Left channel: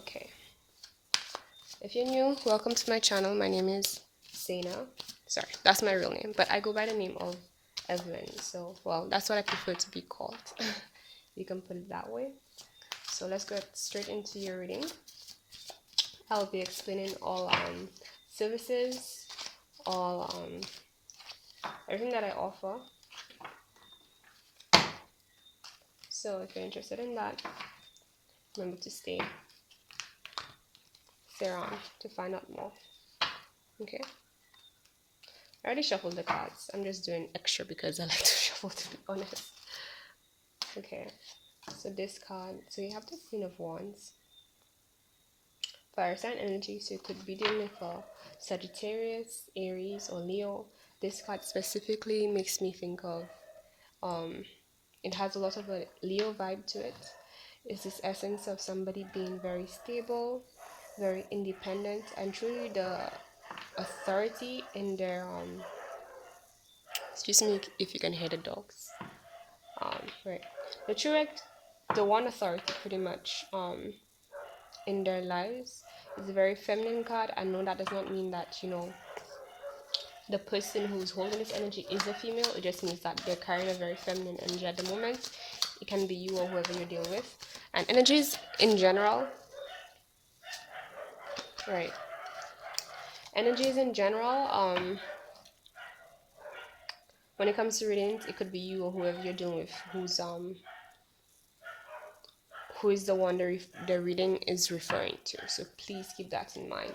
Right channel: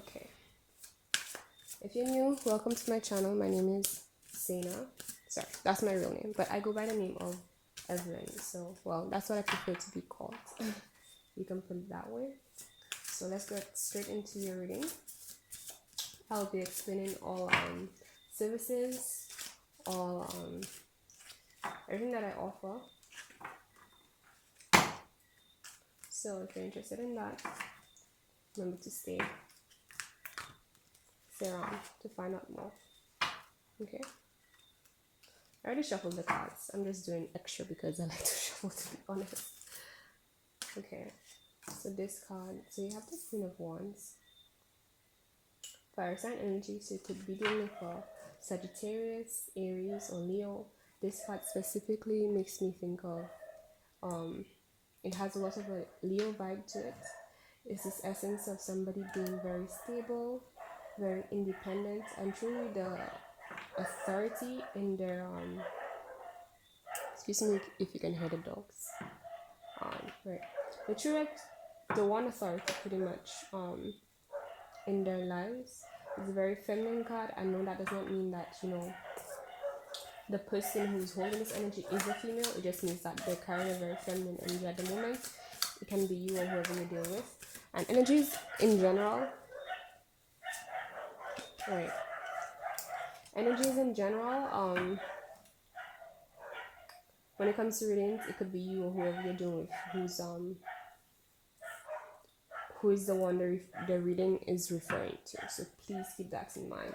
Okay, if you're new, welcome to my channel. My name is Zaina. Sorry, that's my real name, but I go by the name of Evelyn. So, well, that's what I prefer to be called. You can put it that way. So let's get straight into your reading. I'll be explaining all services, all everything that I offer. So if you're interested in that, remember to stay around to find out more. Okay. I already shuffled the cards. I'm just doing extra because I like to shuffle, to be honest. Okay. So this card, so you have the Queen of Wands. Fire sign energy, so it could be dealing with Sagittarius, Aries, or Leo. This card specifically makes me think of it has a lot of a Leo vibe to it. It's this essence of somebody being very stable, very independent, and truly the authority in their excuse me if you can hear the dogs. Right. The one authority pretty much in their lives. It's a very feminine card. I know that does not mean that, the person who's holding this energy is a female. It just means that they're carrying a very feminine energy at the moment. It can be you or whoever you're dealing with. And energies in general, right? Energies in general, when it comes to readings, it could be you or whoever you're dealing with who is the one the reading is referring to. So please keep that in mind.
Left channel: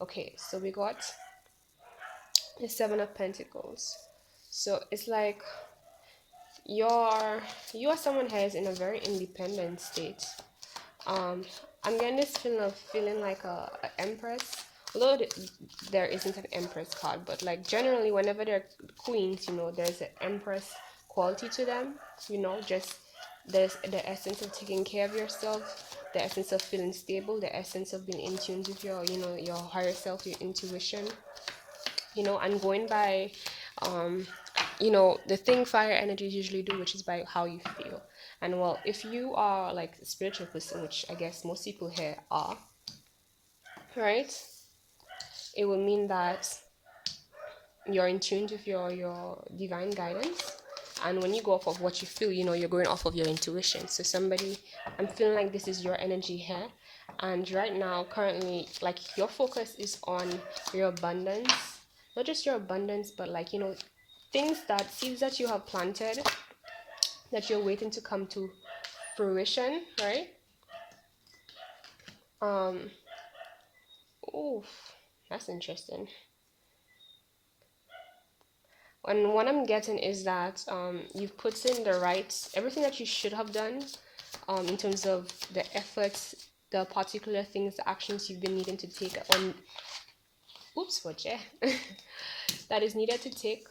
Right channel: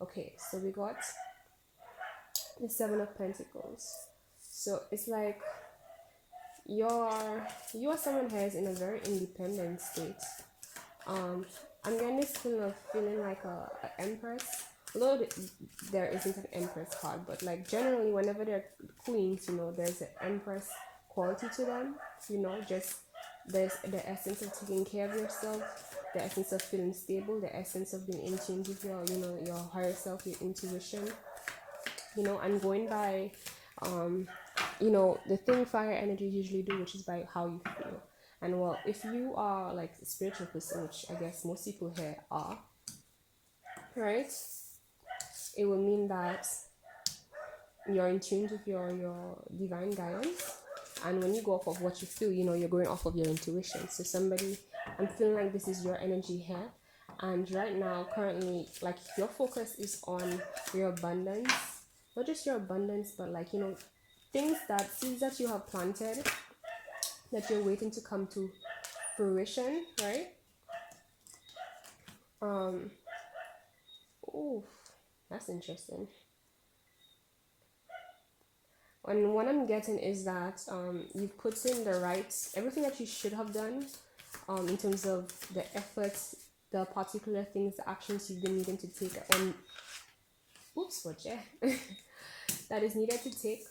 Okay, so we got the Seven of Pentacles. So it's like you are someone who is in a very independent state. I'm getting this feeling like a empress, although there isn't an empress card, but like generally whenever they're queens, there's an empress quality to them. Just there's the essence of taking care of yourself, the essence of feeling stable, the essence of being in tune with your higher self, your intuition, and going by the thing fire energies usually do, which is by how you feel. And well, if you are like a spiritual person, which I guess most people here are, right, it will mean that you're in tune with your divine guidance. And when you go off of what you feel, you're going off of your intuition. So I'm feeling like this is your energy here. And right now, currently, like your focus is on your abundance. Not just your abundance, but like, seeds that you have planted that you're waiting to come to fruition, right? Oof, that's interesting. And what I'm getting is that you've put in everything that you should have done in terms of the efforts, the particular things, the actions you've been needing to take on. Oops, what that is needed to take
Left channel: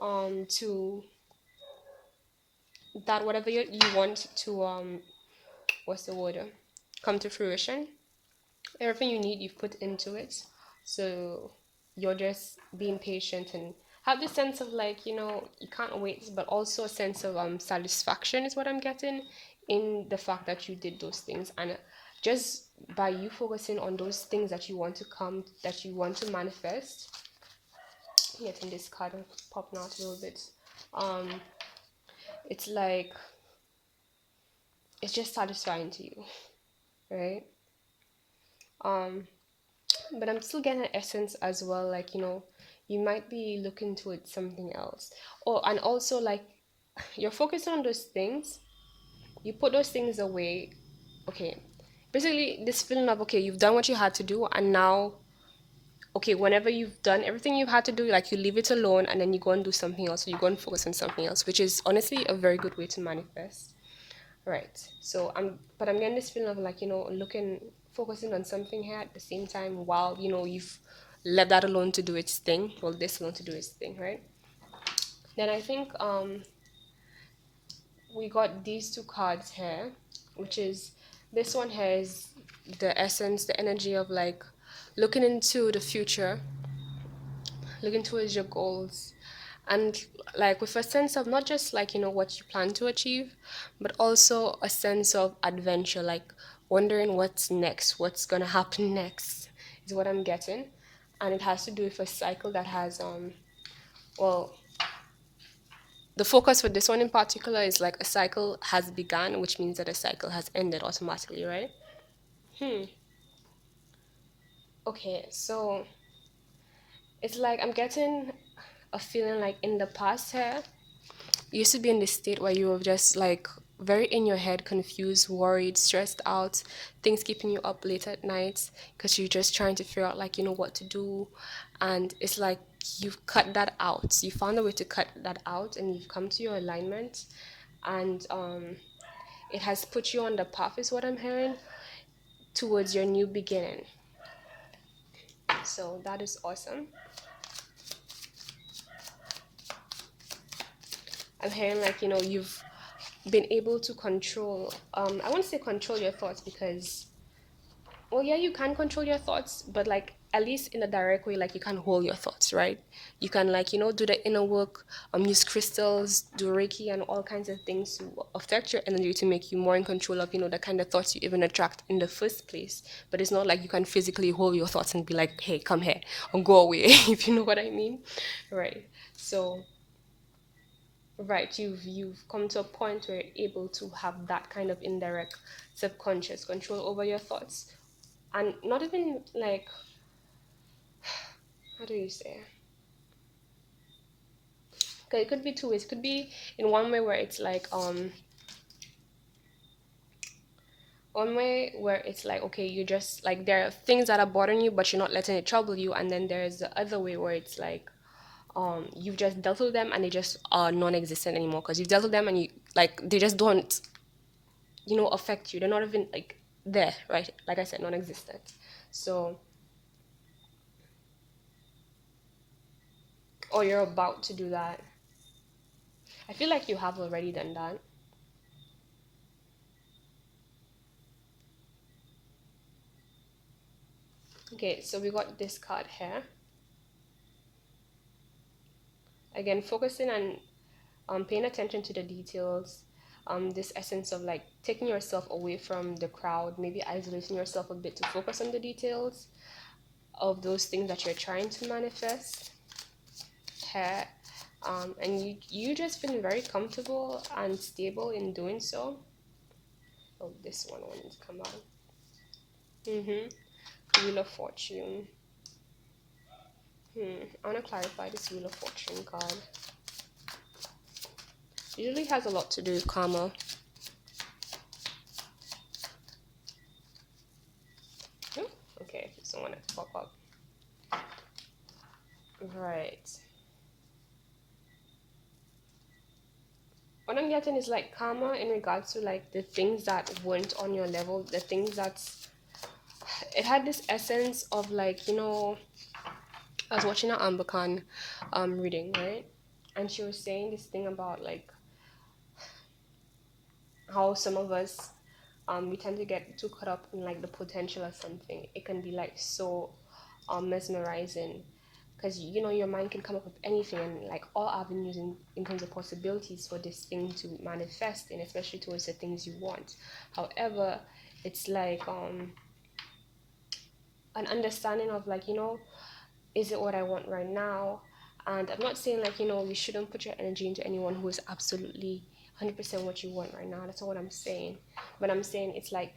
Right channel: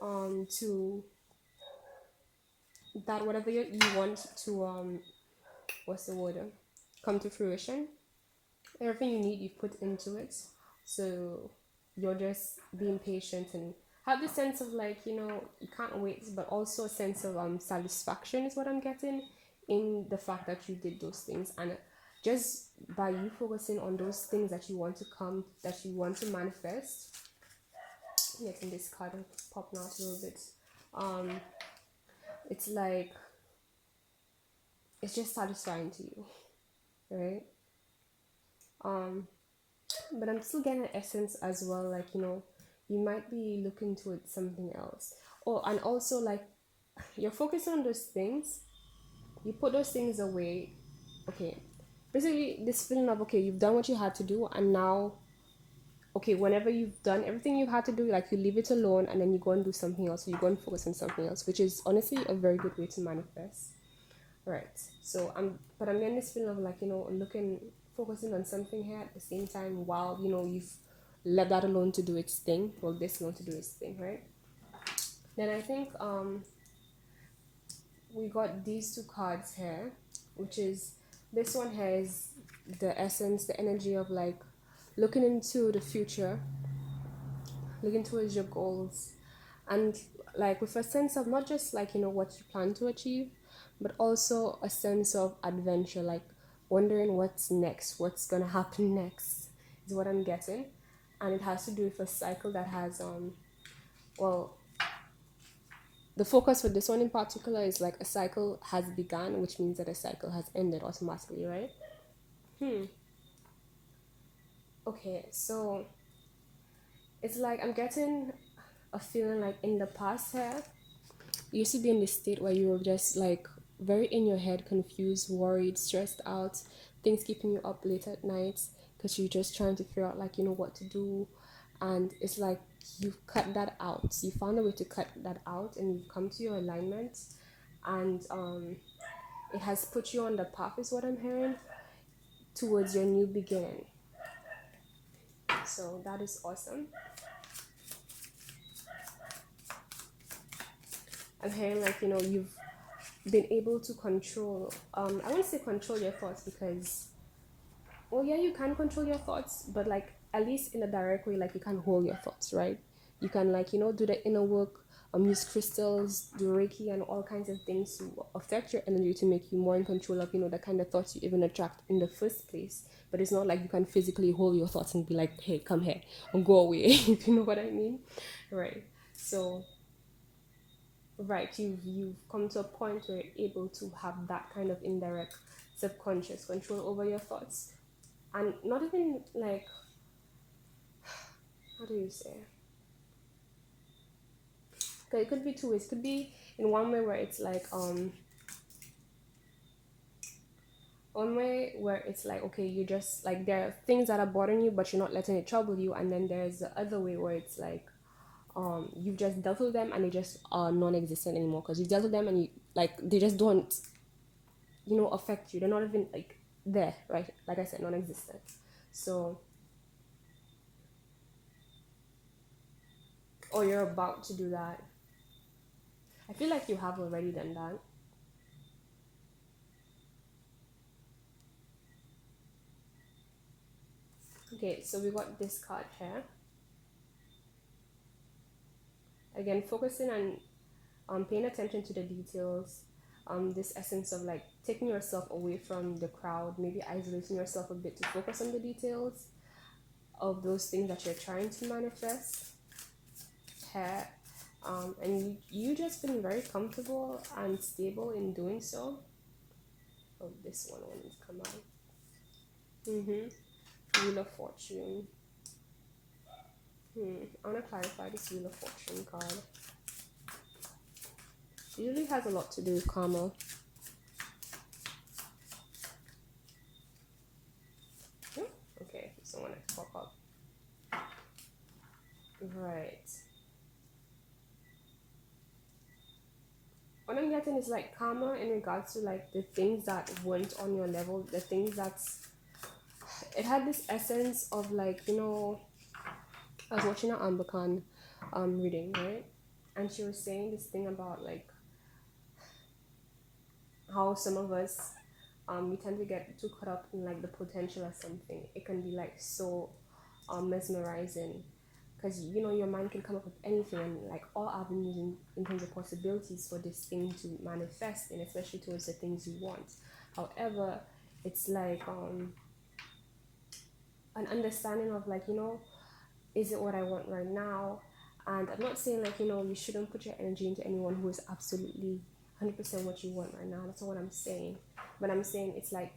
to that whatever you want to what's the word, come to fruition. Everything you need you've put into it, so you're just being patient and have this sense of like, you can't wait, but also a sense of satisfaction is what I'm getting in the fact that you did those things. And just by you focusing on those things that you want to manifest, getting this card popping out a little bit, it's like it's just satisfying to you, right? But I'm still getting an essence as well, like, you might be looking towards something else. And also like you're focusing on those things, you put those things away. Okay, basically this feeling of, okay, you've done what you had to do, and now, okay, whenever you've done everything you've had to do, like you leave it alone and then you go and do something else, so you go and focus on something else, which is honestly a very good way to manifest. Right. So I'm getting this feeling of like, focusing on something here at the same time while, you've left that alone to do its thing. Well, this alone to do its thing, right? Then I think we got these two cards here, which is, this one here is the essence, the energy of like looking into the future, looking towards your goals, and like with a sense of not just like, what you plan to achieve, but also a sense of adventure, like wondering what's next, what's gonna happen next, is what I'm getting. And it has to do with a cycle that has well, the focus for this one in particular is like a cycle has begun, which means that a cycle has ended automatically, right? Okay, so it's like I'm getting a feeling like in the past here, you used to be in this state where you were just like very in your head, confused, worried, stressed out, things keeping you up late at night because you're just trying to figure out like what to do. And it's like you've cut that out. You found a way to cut that out and you've come to your alignment, and it has put you on the path, is what I'm hearing, towards your new beginning. So that is awesome. I'm hearing like you've been able to control, I won't say control your thoughts, because well, yeah, you can control your thoughts, but like at least in a direct way, like you can hold your thoughts, right? You can like do the inner work, use crystals, do Reiki and all kinds of things to affect your energy, to make you more in control of the kind of thoughts you even attract in the first place. But it's not like you can physically hold your thoughts and be like, hey, come here or go away, if you know what I mean, right? So right, you've come to a point where you're able to have that kind of indirect subconscious control over your thoughts, and not even like, how do you say, okay, it could be two ways. It could be in one way where it's like one way where it's like, okay, you just like, there are things that are bothering you but you're not letting it trouble you, and then there's the other way where it's like you've just dealt with them and they just are non-existent anymore, because you've dealt with them and you like, they just don't affect you. They're not even like there, right? Like I said, non-existent. So, or you're about to do that. I feel like you have already done that. Okay, so we got this card here. Again, focusing on paying attention to the details, this essence of like taking yourself away from the crowd, maybe isolating yourself a bit to focus on the details of those things that you're trying to manifest here. And you just been very comfortable and stable in doing so. Oh, this one wanted to come out. Wheel of Fortune. I want to clarify this Wheel of Fortune card. Usually has a lot to do with karma. Oh, okay, this one wanted to pop up. Right. What I'm getting is like karma in regards to like the things that weren't on your level, the things that's, it had this essence of like, I was watching an Amber Khan reading, right? And she was saying this thing about like how some of us we tend to get too caught up in like the potential of something. It can be like so mesmerizing, because your mind can come up with anything, and like all avenues in terms of possibilities for this thing to manifest in, especially towards the things you want. However, it's like an understanding of like, is it what I want right now? And I'm not saying like, you shouldn't put your energy into anyone who is absolutely 100% what you want right now. That's not what I'm saying. But I'm saying it's like,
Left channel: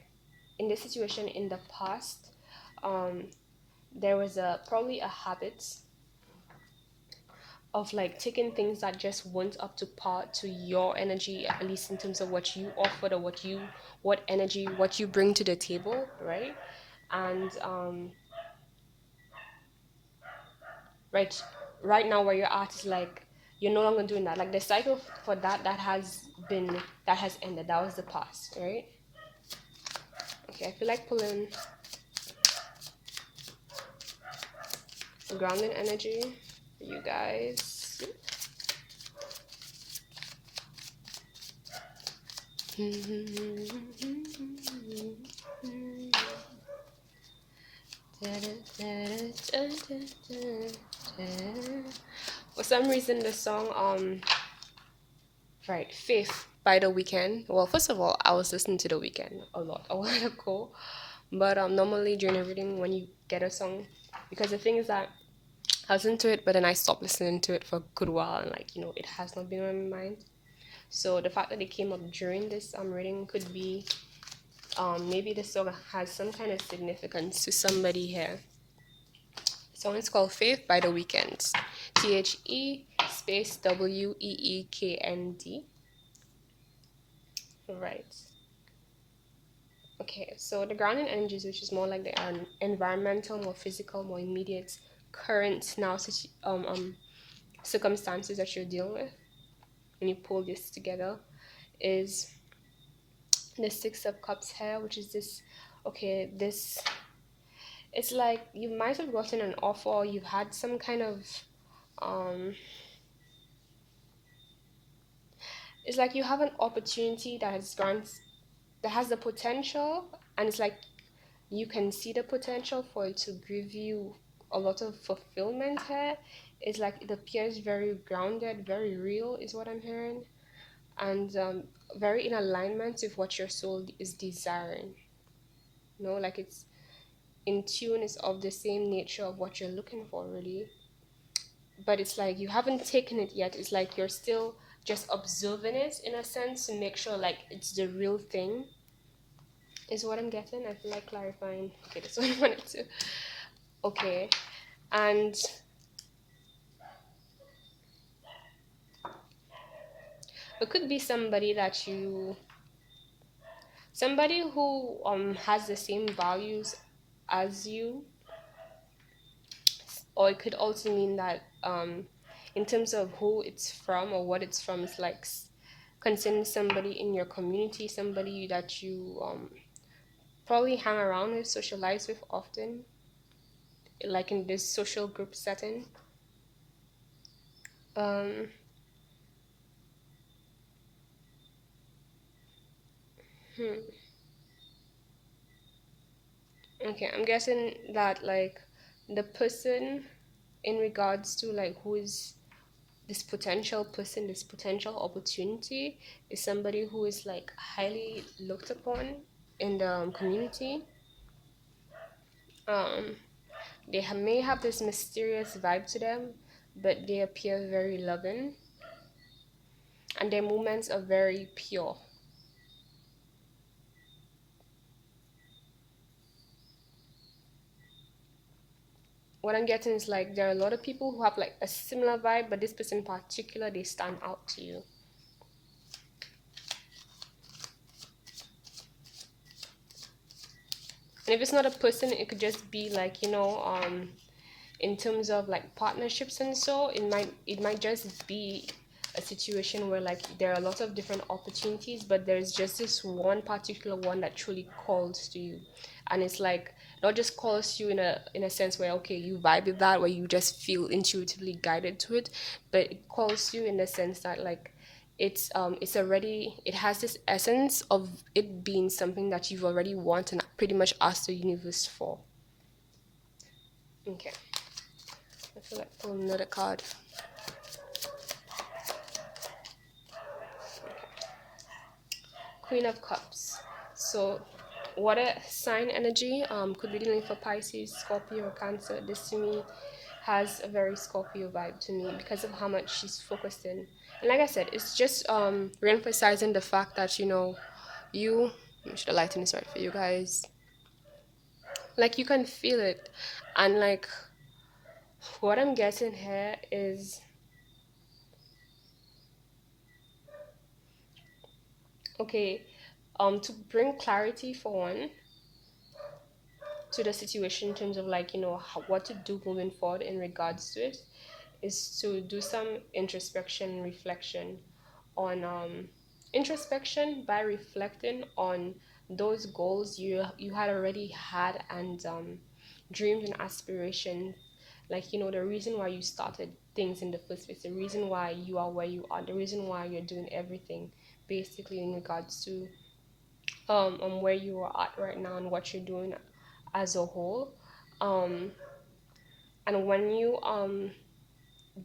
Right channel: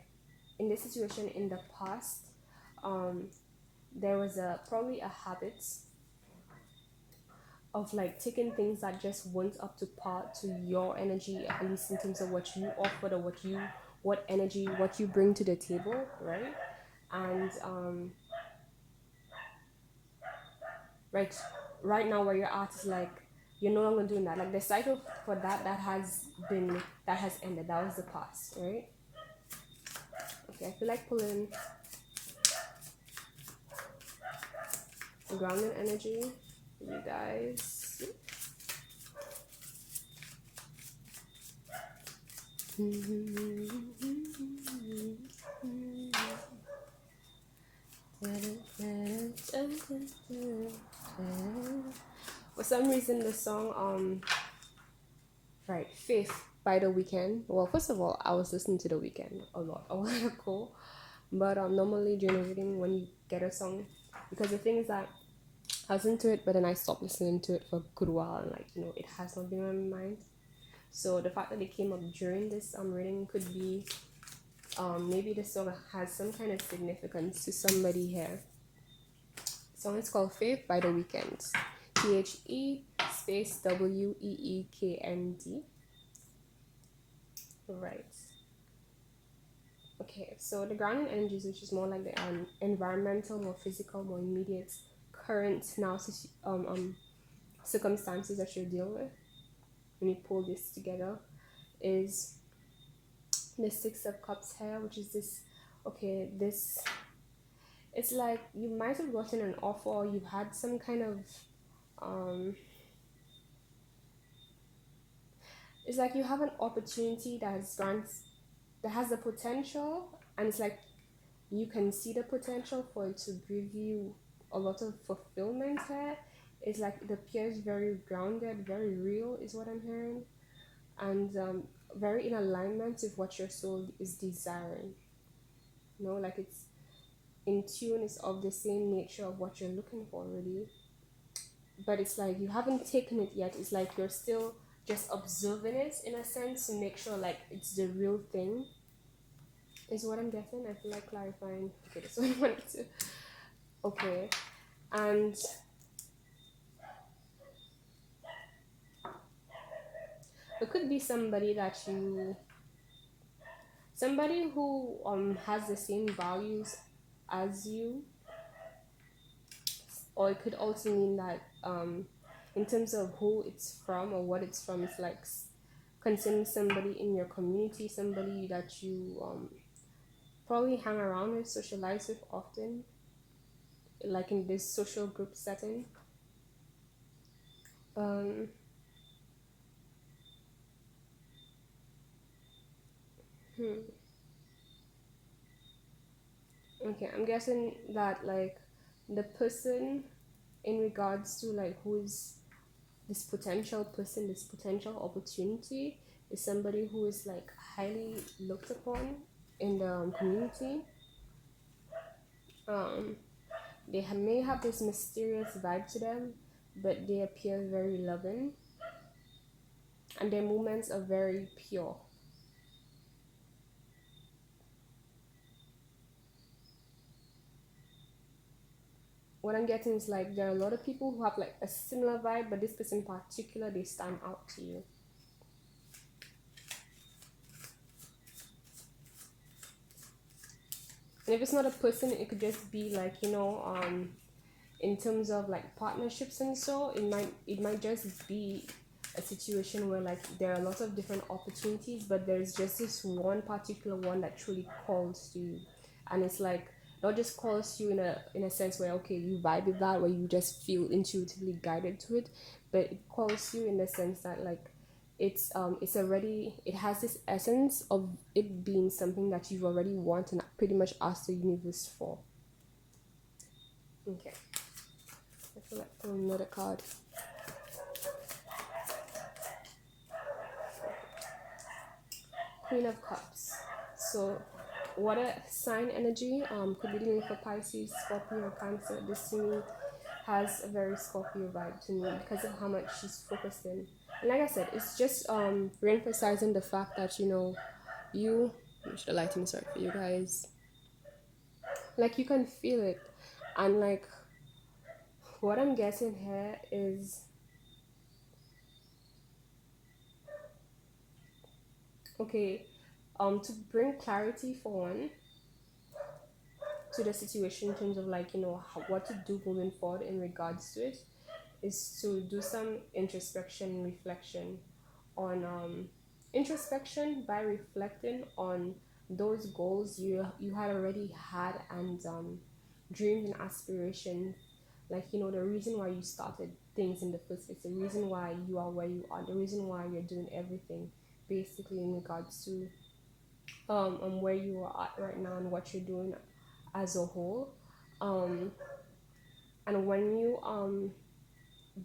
in this situation in the past, there was probably a habit of like taking things that just weren't up to par to your energy, at least in terms of what you offered, or what energy, what you bring to the table, right? And right now where you're at is like, you're no longer doing that. Like the cycle for that has ended. That was the past, right? Okay, I feel like pulling grounded energy for you guys. For some reason the song right, Faith by The Weekend. Well, first of all, I was listening to The Weekend a lot a while ago, but normally during a reading, when you get a song, because the thing is that I listened to it, but then I stopped listening to it for a good while, and like it has not been on my mind. So the fact that it came up during this reading could be maybe the song has some kind of significance to somebody here. The song is called Faith by The Weeknd. THE space WEEKND. Right. Okay, so the grounding energies, which is more like the environmental, more physical, more immediate, current now circumstances that you're dealing with when you pull this together, is the Six of Cups here, which is this. Okay, this, it's like you might have gotten an offer, or you've had some kind of um it's like you have an opportunity that has the potential, and it's like you can see the potential for it to give you a lot of fulfillment here. It's like it appears very grounded, very real, is what I'm hearing, and very in alignment with what your soul is desiring. Like it's in tune, it's of the same nature of what you're looking for, really. But it's like you haven't taken it yet. It's like you're still just observing it in a sense to make sure like it's the real thing, is what I'm getting. I feel like clarifying. Okay, that's what I wanted to. Okay, and it could be somebody who has the same values as you, or it could also mean that in terms of who it's from or what it's from, it's like concerning somebody in your community, somebody that you probably hang around with, socialize with often, like in this social group setting. Um, hmm. Okay, I'm guessing that like the person in regards to like who is this potential person, this potential opportunity, is somebody who is like highly looked upon in the community. Um, may have this mysterious vibe to them, but they appear very loving, and their movements are very pure. What I'm getting is like there are a lot of people who have like a similar vibe, but this person in particular, they stand out to you. And if it's not a person, it could just be like in terms of like partnerships, and so it might just be a situation where like there are a lot of different opportunities, but there's just this one particular one that truly calls to you, and it's like not just calls to you in a sense where okay you vibe with that, where you just feel intuitively guided to it, but it calls you in the sense that like it has this essence of it being something that you've already wanted and pretty much asked the universe for. Okay, I feel like pulling another card. Queen of Cups. So water sign energy could be dealing for Pisces, Scorpio, or Cancer. This to me has a very Scorpio vibe to me because of how much she's focused in. And like I said, it's just re-emphasizing the fact that you should the lighting is right for you guys. Like you can feel it, and like what I'm getting here is okay. To bring clarity for one to the situation in terms of like what to do moving forward in regards to it, is to do some introspection reflection on introspection by reflecting on those goals you had already had, and dreams and aspirations, like the reason why you started things in the first place, the reason why you are where you are, the reason why you're doing everything basically in regards to where you are at right now and what you're doing as a whole. um and when you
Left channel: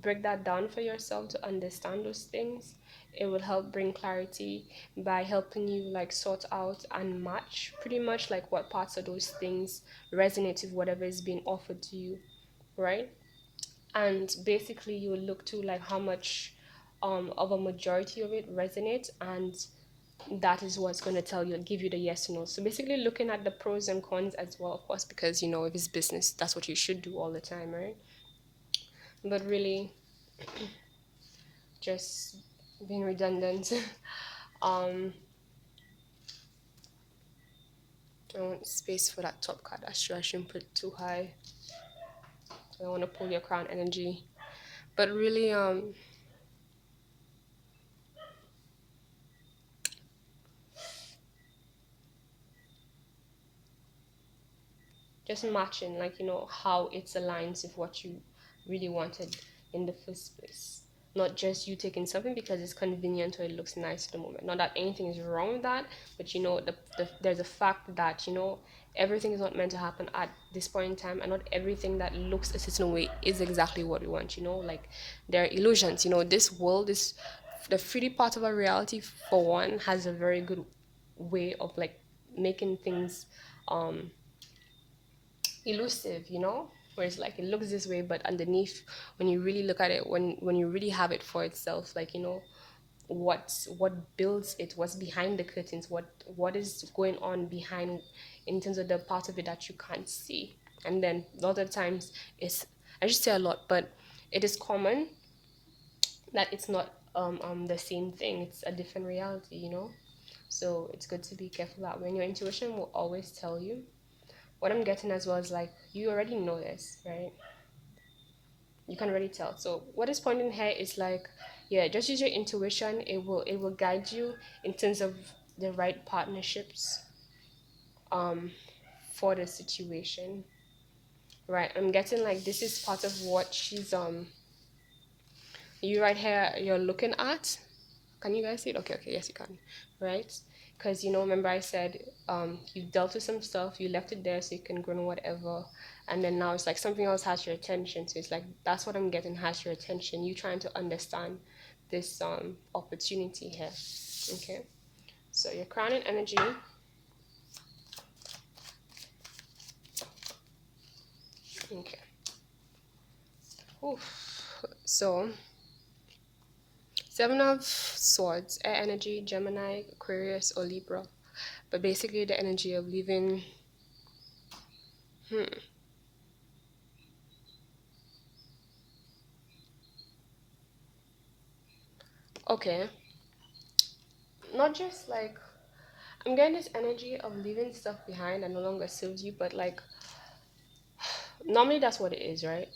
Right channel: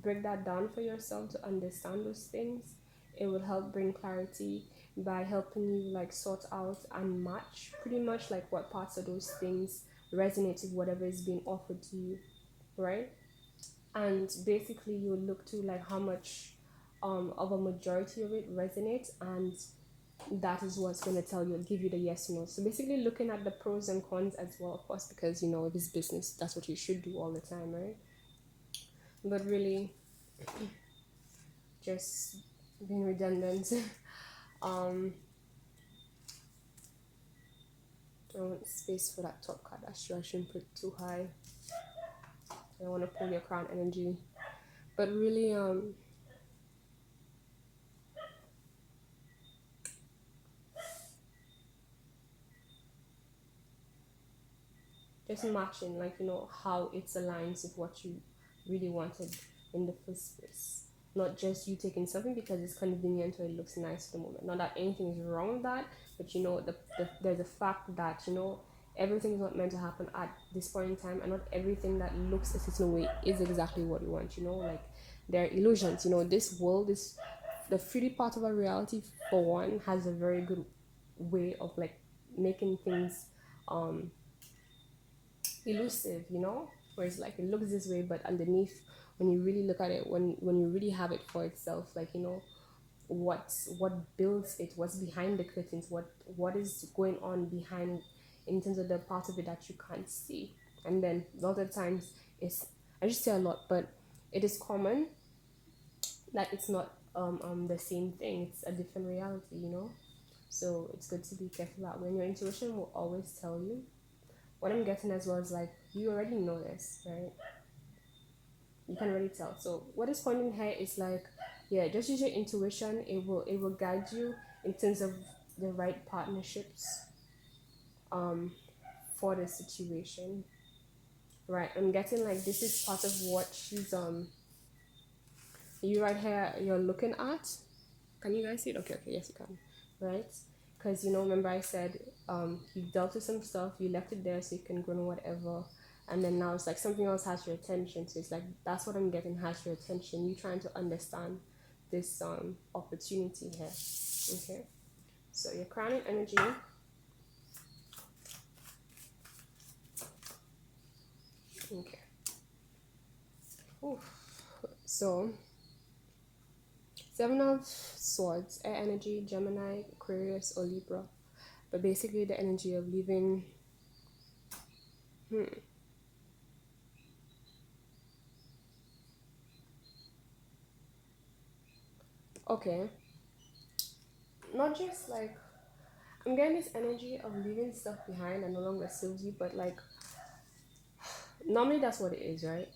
break that down for yourself to understand those things, It will help bring clarity by helping you like sort out and match pretty much like what parts of those things resonate with whatever is being offered to you, right? And basically you will look to like how much of a majority of it resonates, and that is what's going to tell you, give you the yes or no. So basically looking at the pros and cons as well, of course, because you know if it's business, that's what you should do all the time, right? But really, just being redundant. um I want space for that top card. That's true, I shouldn't put it too high. I don't want to pull your crown energy. But really, just matching, like, you know, how it aligns with what you really wanted in the first place. Not just you taking something because it's convenient or it looks nice at the moment. Not that anything is wrong with that, but you know, there's a fact that, you know, everything is not meant to happen at this point in time, and not everything that looks a certain way is exactly what we want, you know. Like, there are illusions, you know. This world is the 3D part of our reality, for one, has a very good way of like making things um elusive, you know, where it's like it looks this way, but underneath, when you really look at it, when you really have it for itself, like, you know, what builds it, what's behind the curtains, what is going on behind, in terms of the part of it that you can't see. And then a lot of times it's, I just say a lot, but it is common that it's not the same thing, it's a different reality, you know. So it's good to be careful that when your intuition will always tell you. What I'm getting as well is like, you already know this, right? You can already tell. So what is pointing here is like, yeah, just use your intuition. It will guide you in terms of the right partnerships um for the situation. Right. I'm getting like this is part of what she's you right here you're looking at. Can you guys see it? Okay, okay, yes you can. Right? Because, you know, remember I said you dealt with some stuff, you left it there so you can grow in whatever, and then now it's like something else has your attention. So it's like that's what I'm getting, has your attention. You trying to understand this opportunity here. Okay. So your crowning energy. Okay. Oof. So Seven of Swords, air energy, Gemini, Aquarius, or Libra. But basically the energy of living. Okay. Not just like, I'm getting this energy of leaving stuff behind that no longer serves you, but like normally that's what it is, right?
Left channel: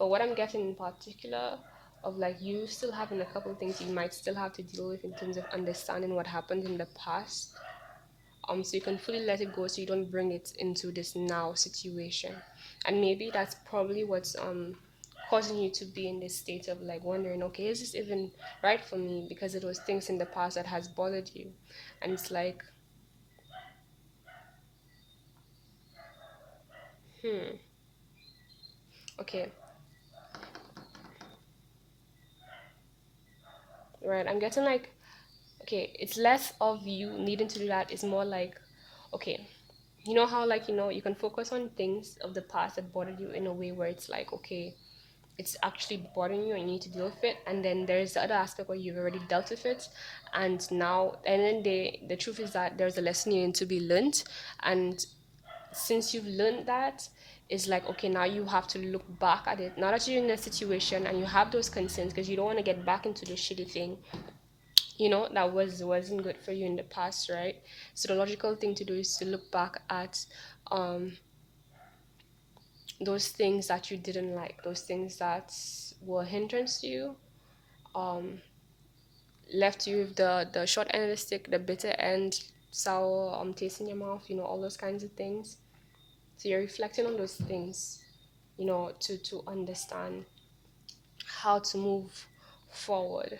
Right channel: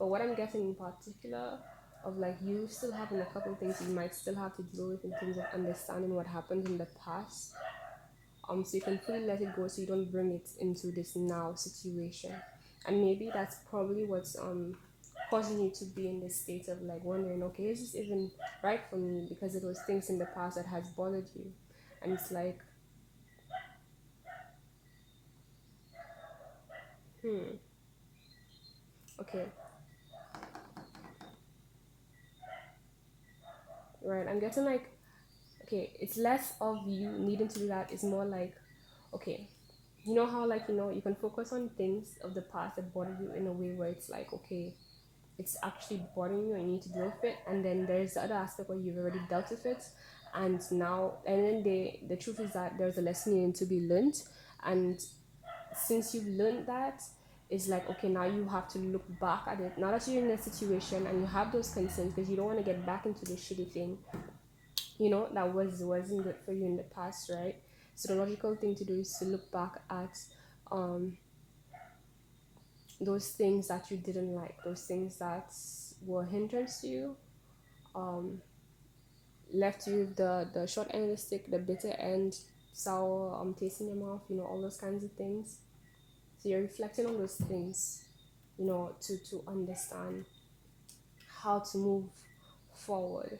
But what I'm getting in particular of like you still having a couple of things you might still have to deal with in terms of understanding what happened in the past. So you can fully let it go so you don't bring it into this now situation. And maybe that's probably what's causing you to be in this state of like wondering, okay, is this even right for me? Because it was things in the past that has bothered you. And it's like, okay, right, I'm getting like, okay, it's less of you needing to do that. It's more like, okay, you know how like, you know, you can focus on things of the past that bothered you in a way where it's like, okay, it's actually bothering you and you need to deal with it. And then there's the other aspect where you've already dealt with it, and now, and then the truth is that there's a lesson you need to be learned. And since you've learned that, it's like, okay, now you have to look back at it now that you're in a situation and you have those concerns, because you don't want to get back into the shitty thing, you know, that wasn't good for you in the past, right? So the logical thing to do is to look back at um those things that you didn't like, those things that were a hindrance to you, um left you with the short end of the stick, the bitter end, sour taste in your mouth, you know, all those kinds of things. So you're reflecting on those things, you know, to understand how to move forward.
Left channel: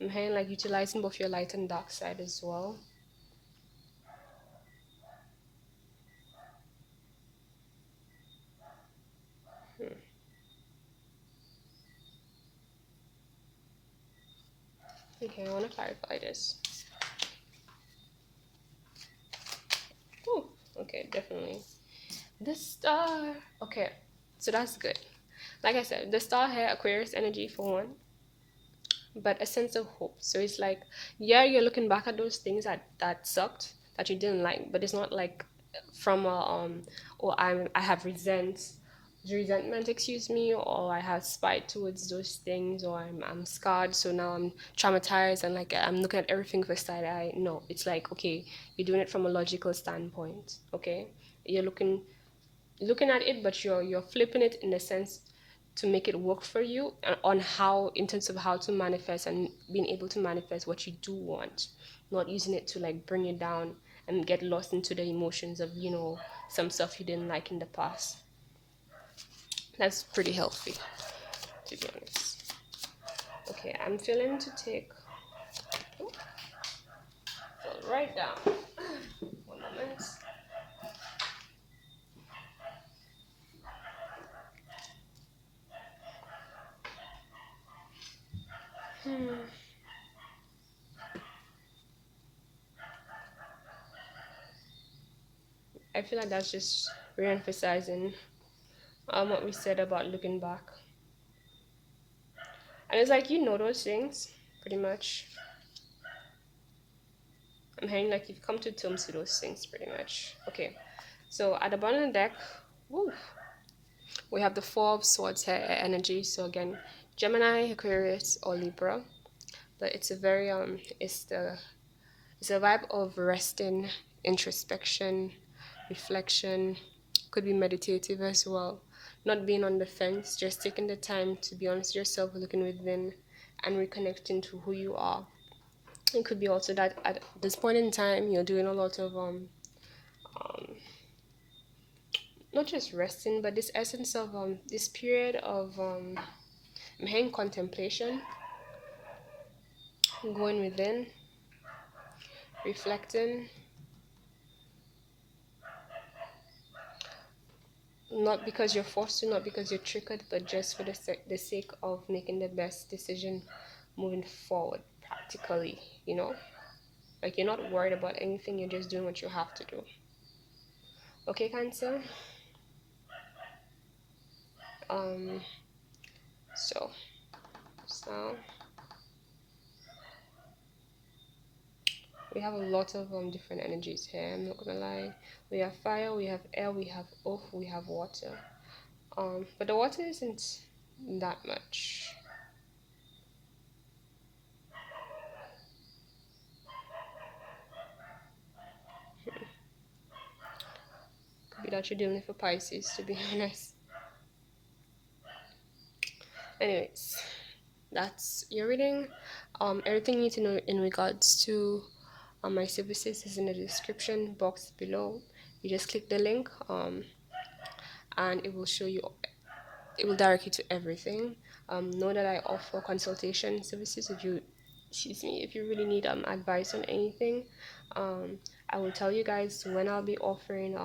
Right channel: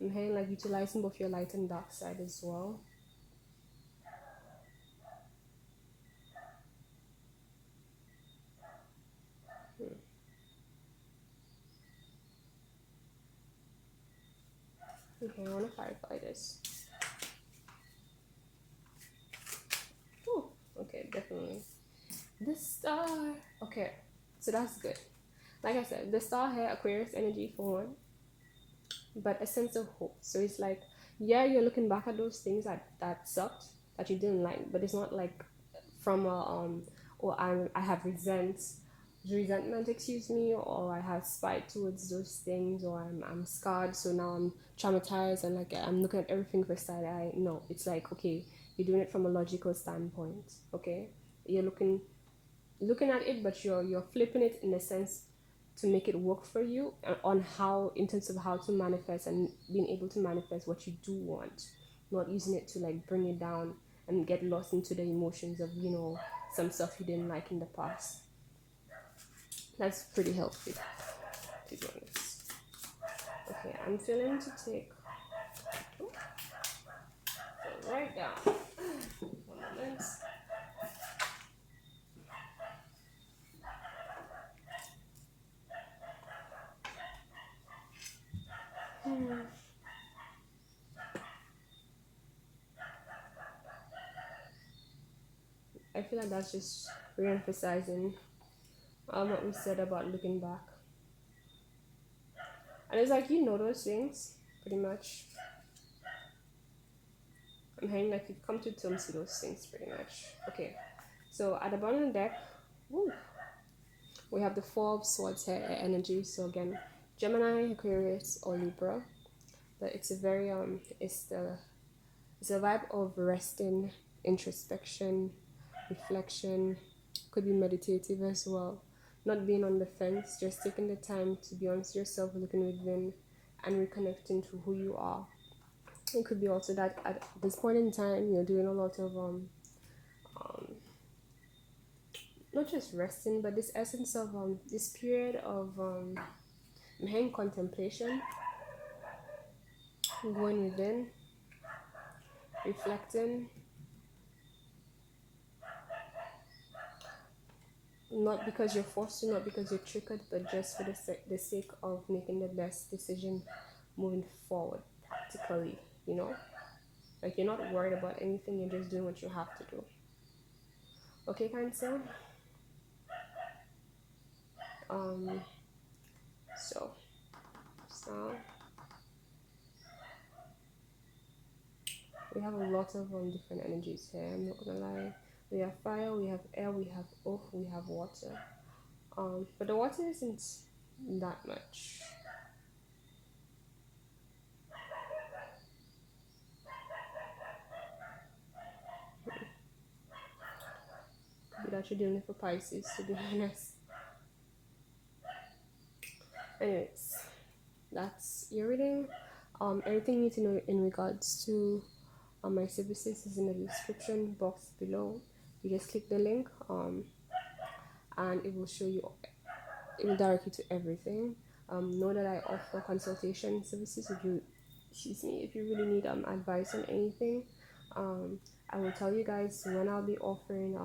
I'm hearing like utilizing both your light and dark side as well. Okay, I want to clarify this. Oh, okay, definitely. The star. Okay, so that's good. Like I said, the star here, Aquarius energy for one, but a sense of hope. So it's like, yeah, you're looking back at those things that sucked, that you didn't like, but it's not like from a or I have resentment, excuse me, or I have spite towards those things, or I'm scarred, so now I'm traumatized and like I'm looking at everything for side eye. No, it's like, okay, you're doing it from a logical standpoint. Okay, you're looking at it, but you're flipping it in a sense to make it work for you, on how, in terms of how to manifest and being able to manifest what you do want, not using it to like bring you down and get lost into the emotions of, some stuff you didn't like in the past. That's pretty healthy, to be honest. Okay, I'm feeling to take, oh, right down. One moment. I feel like that's just re-emphasizing what we said about looking back. And it's like, those things pretty much. I'm hearing like you've come to terms with those things pretty much. Okay, so at the bottom of the deck, woo, we have the Four of Swords here, energy. So again, Gemini, Aquarius, or Libra. But it's a very it's a vibe of resting, introspection, reflection. Could be meditative as well. Not being on the fence, just taking the time to be honest with yourself, looking within, and reconnecting to who you are. It could be also that at this point in time, you're doing a lot of not just resting, but this essence of this period of I'm hearing contemplation, going within, reflecting, not because you're forced to, not because you're triggered, but just for the sake of making the best decision moving forward practically, like you're not worried about anything, you're just doing what you have to do. Okay, Cancer. um so so we have a lot of different energies here, I'm not gonna lie. We have fire, we have air, we have earth, we have water. But the water isn't that much. Could be that you're dealing with a Pisces, to be honest. Anyways, that's your reading. Everything you need to know in regards to my services is in the description box below. You just click the link, and it will show you. It will direct you to everything. Know that I offer consultation services. If you really need advice on anything, I will tell you guys when I'll be offering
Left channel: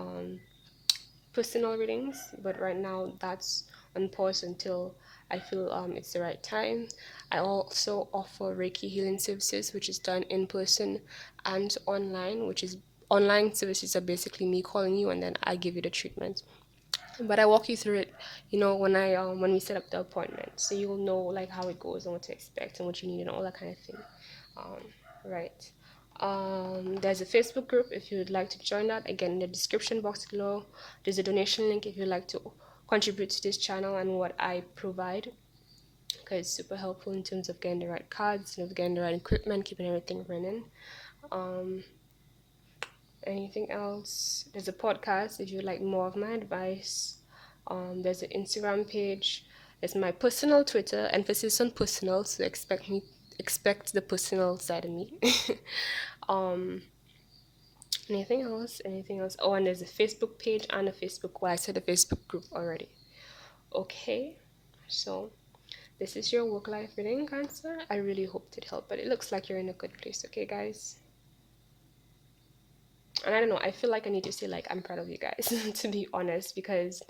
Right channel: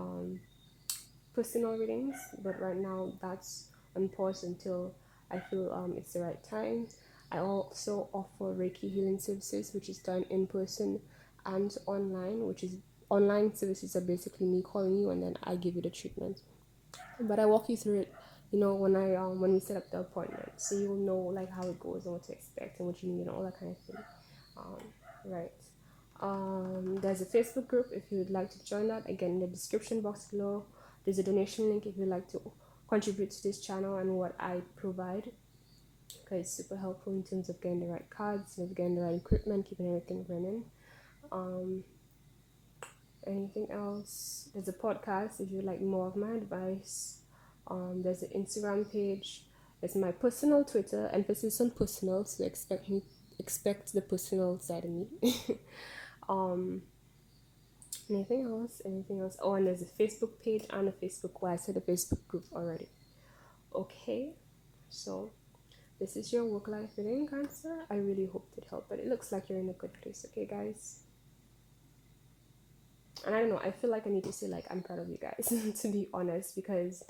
personal readings, but right now that's on pause until I feel it's the right time. I also offer Reiki healing services, which is done in person and online, which is online services are basically me calling you and then I give you the treatment. But I walk you through it, when we set up the appointment, so you will know like how it goes and what to expect and what you need and all that kind of thing. Right. There's a Facebook group if you would like to join that. Again, in the description box below, there's a donation link if you'd like to contribute to this channel and what I provide, because it's super helpful in terms of getting the right cards, getting the right equipment, keeping everything running. Um, Anything else? There's a podcast if you like more of my advice. There's an Instagram page. There's my personal Twitter, emphasis on personal, so expect the personal side of me. um anything else? Oh, and there's a Facebook page and a Facebook, well, I said a Facebook group already. Okay, so this is your work life reading, Cancer. I really hope it helped, but it looks like you're in a good place. Okay, guys. And I don't know, I feel like I need to say like I'm proud of you guys to be honest, because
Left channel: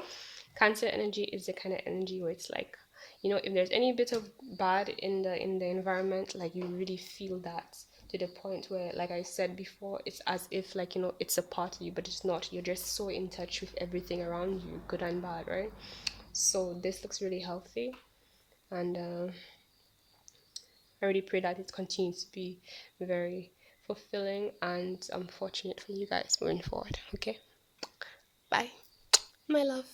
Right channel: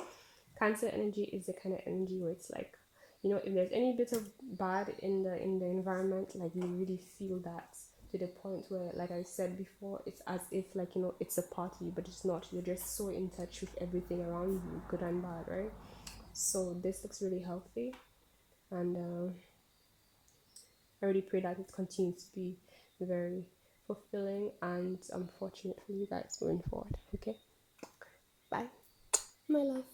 Cancer energy is the kind of energy where it's like You know, if there's any bit of bad in the environment, like you really feel that to the point where, like I said before, it's as if like, you know, it's a part of you, but it's not. You're just so in touch with everything around you, good and bad, right? So this looks really healthy, and I really pray that it continues to be very fulfilling and fortunate for you guys moving forward. Okay, bye, my love.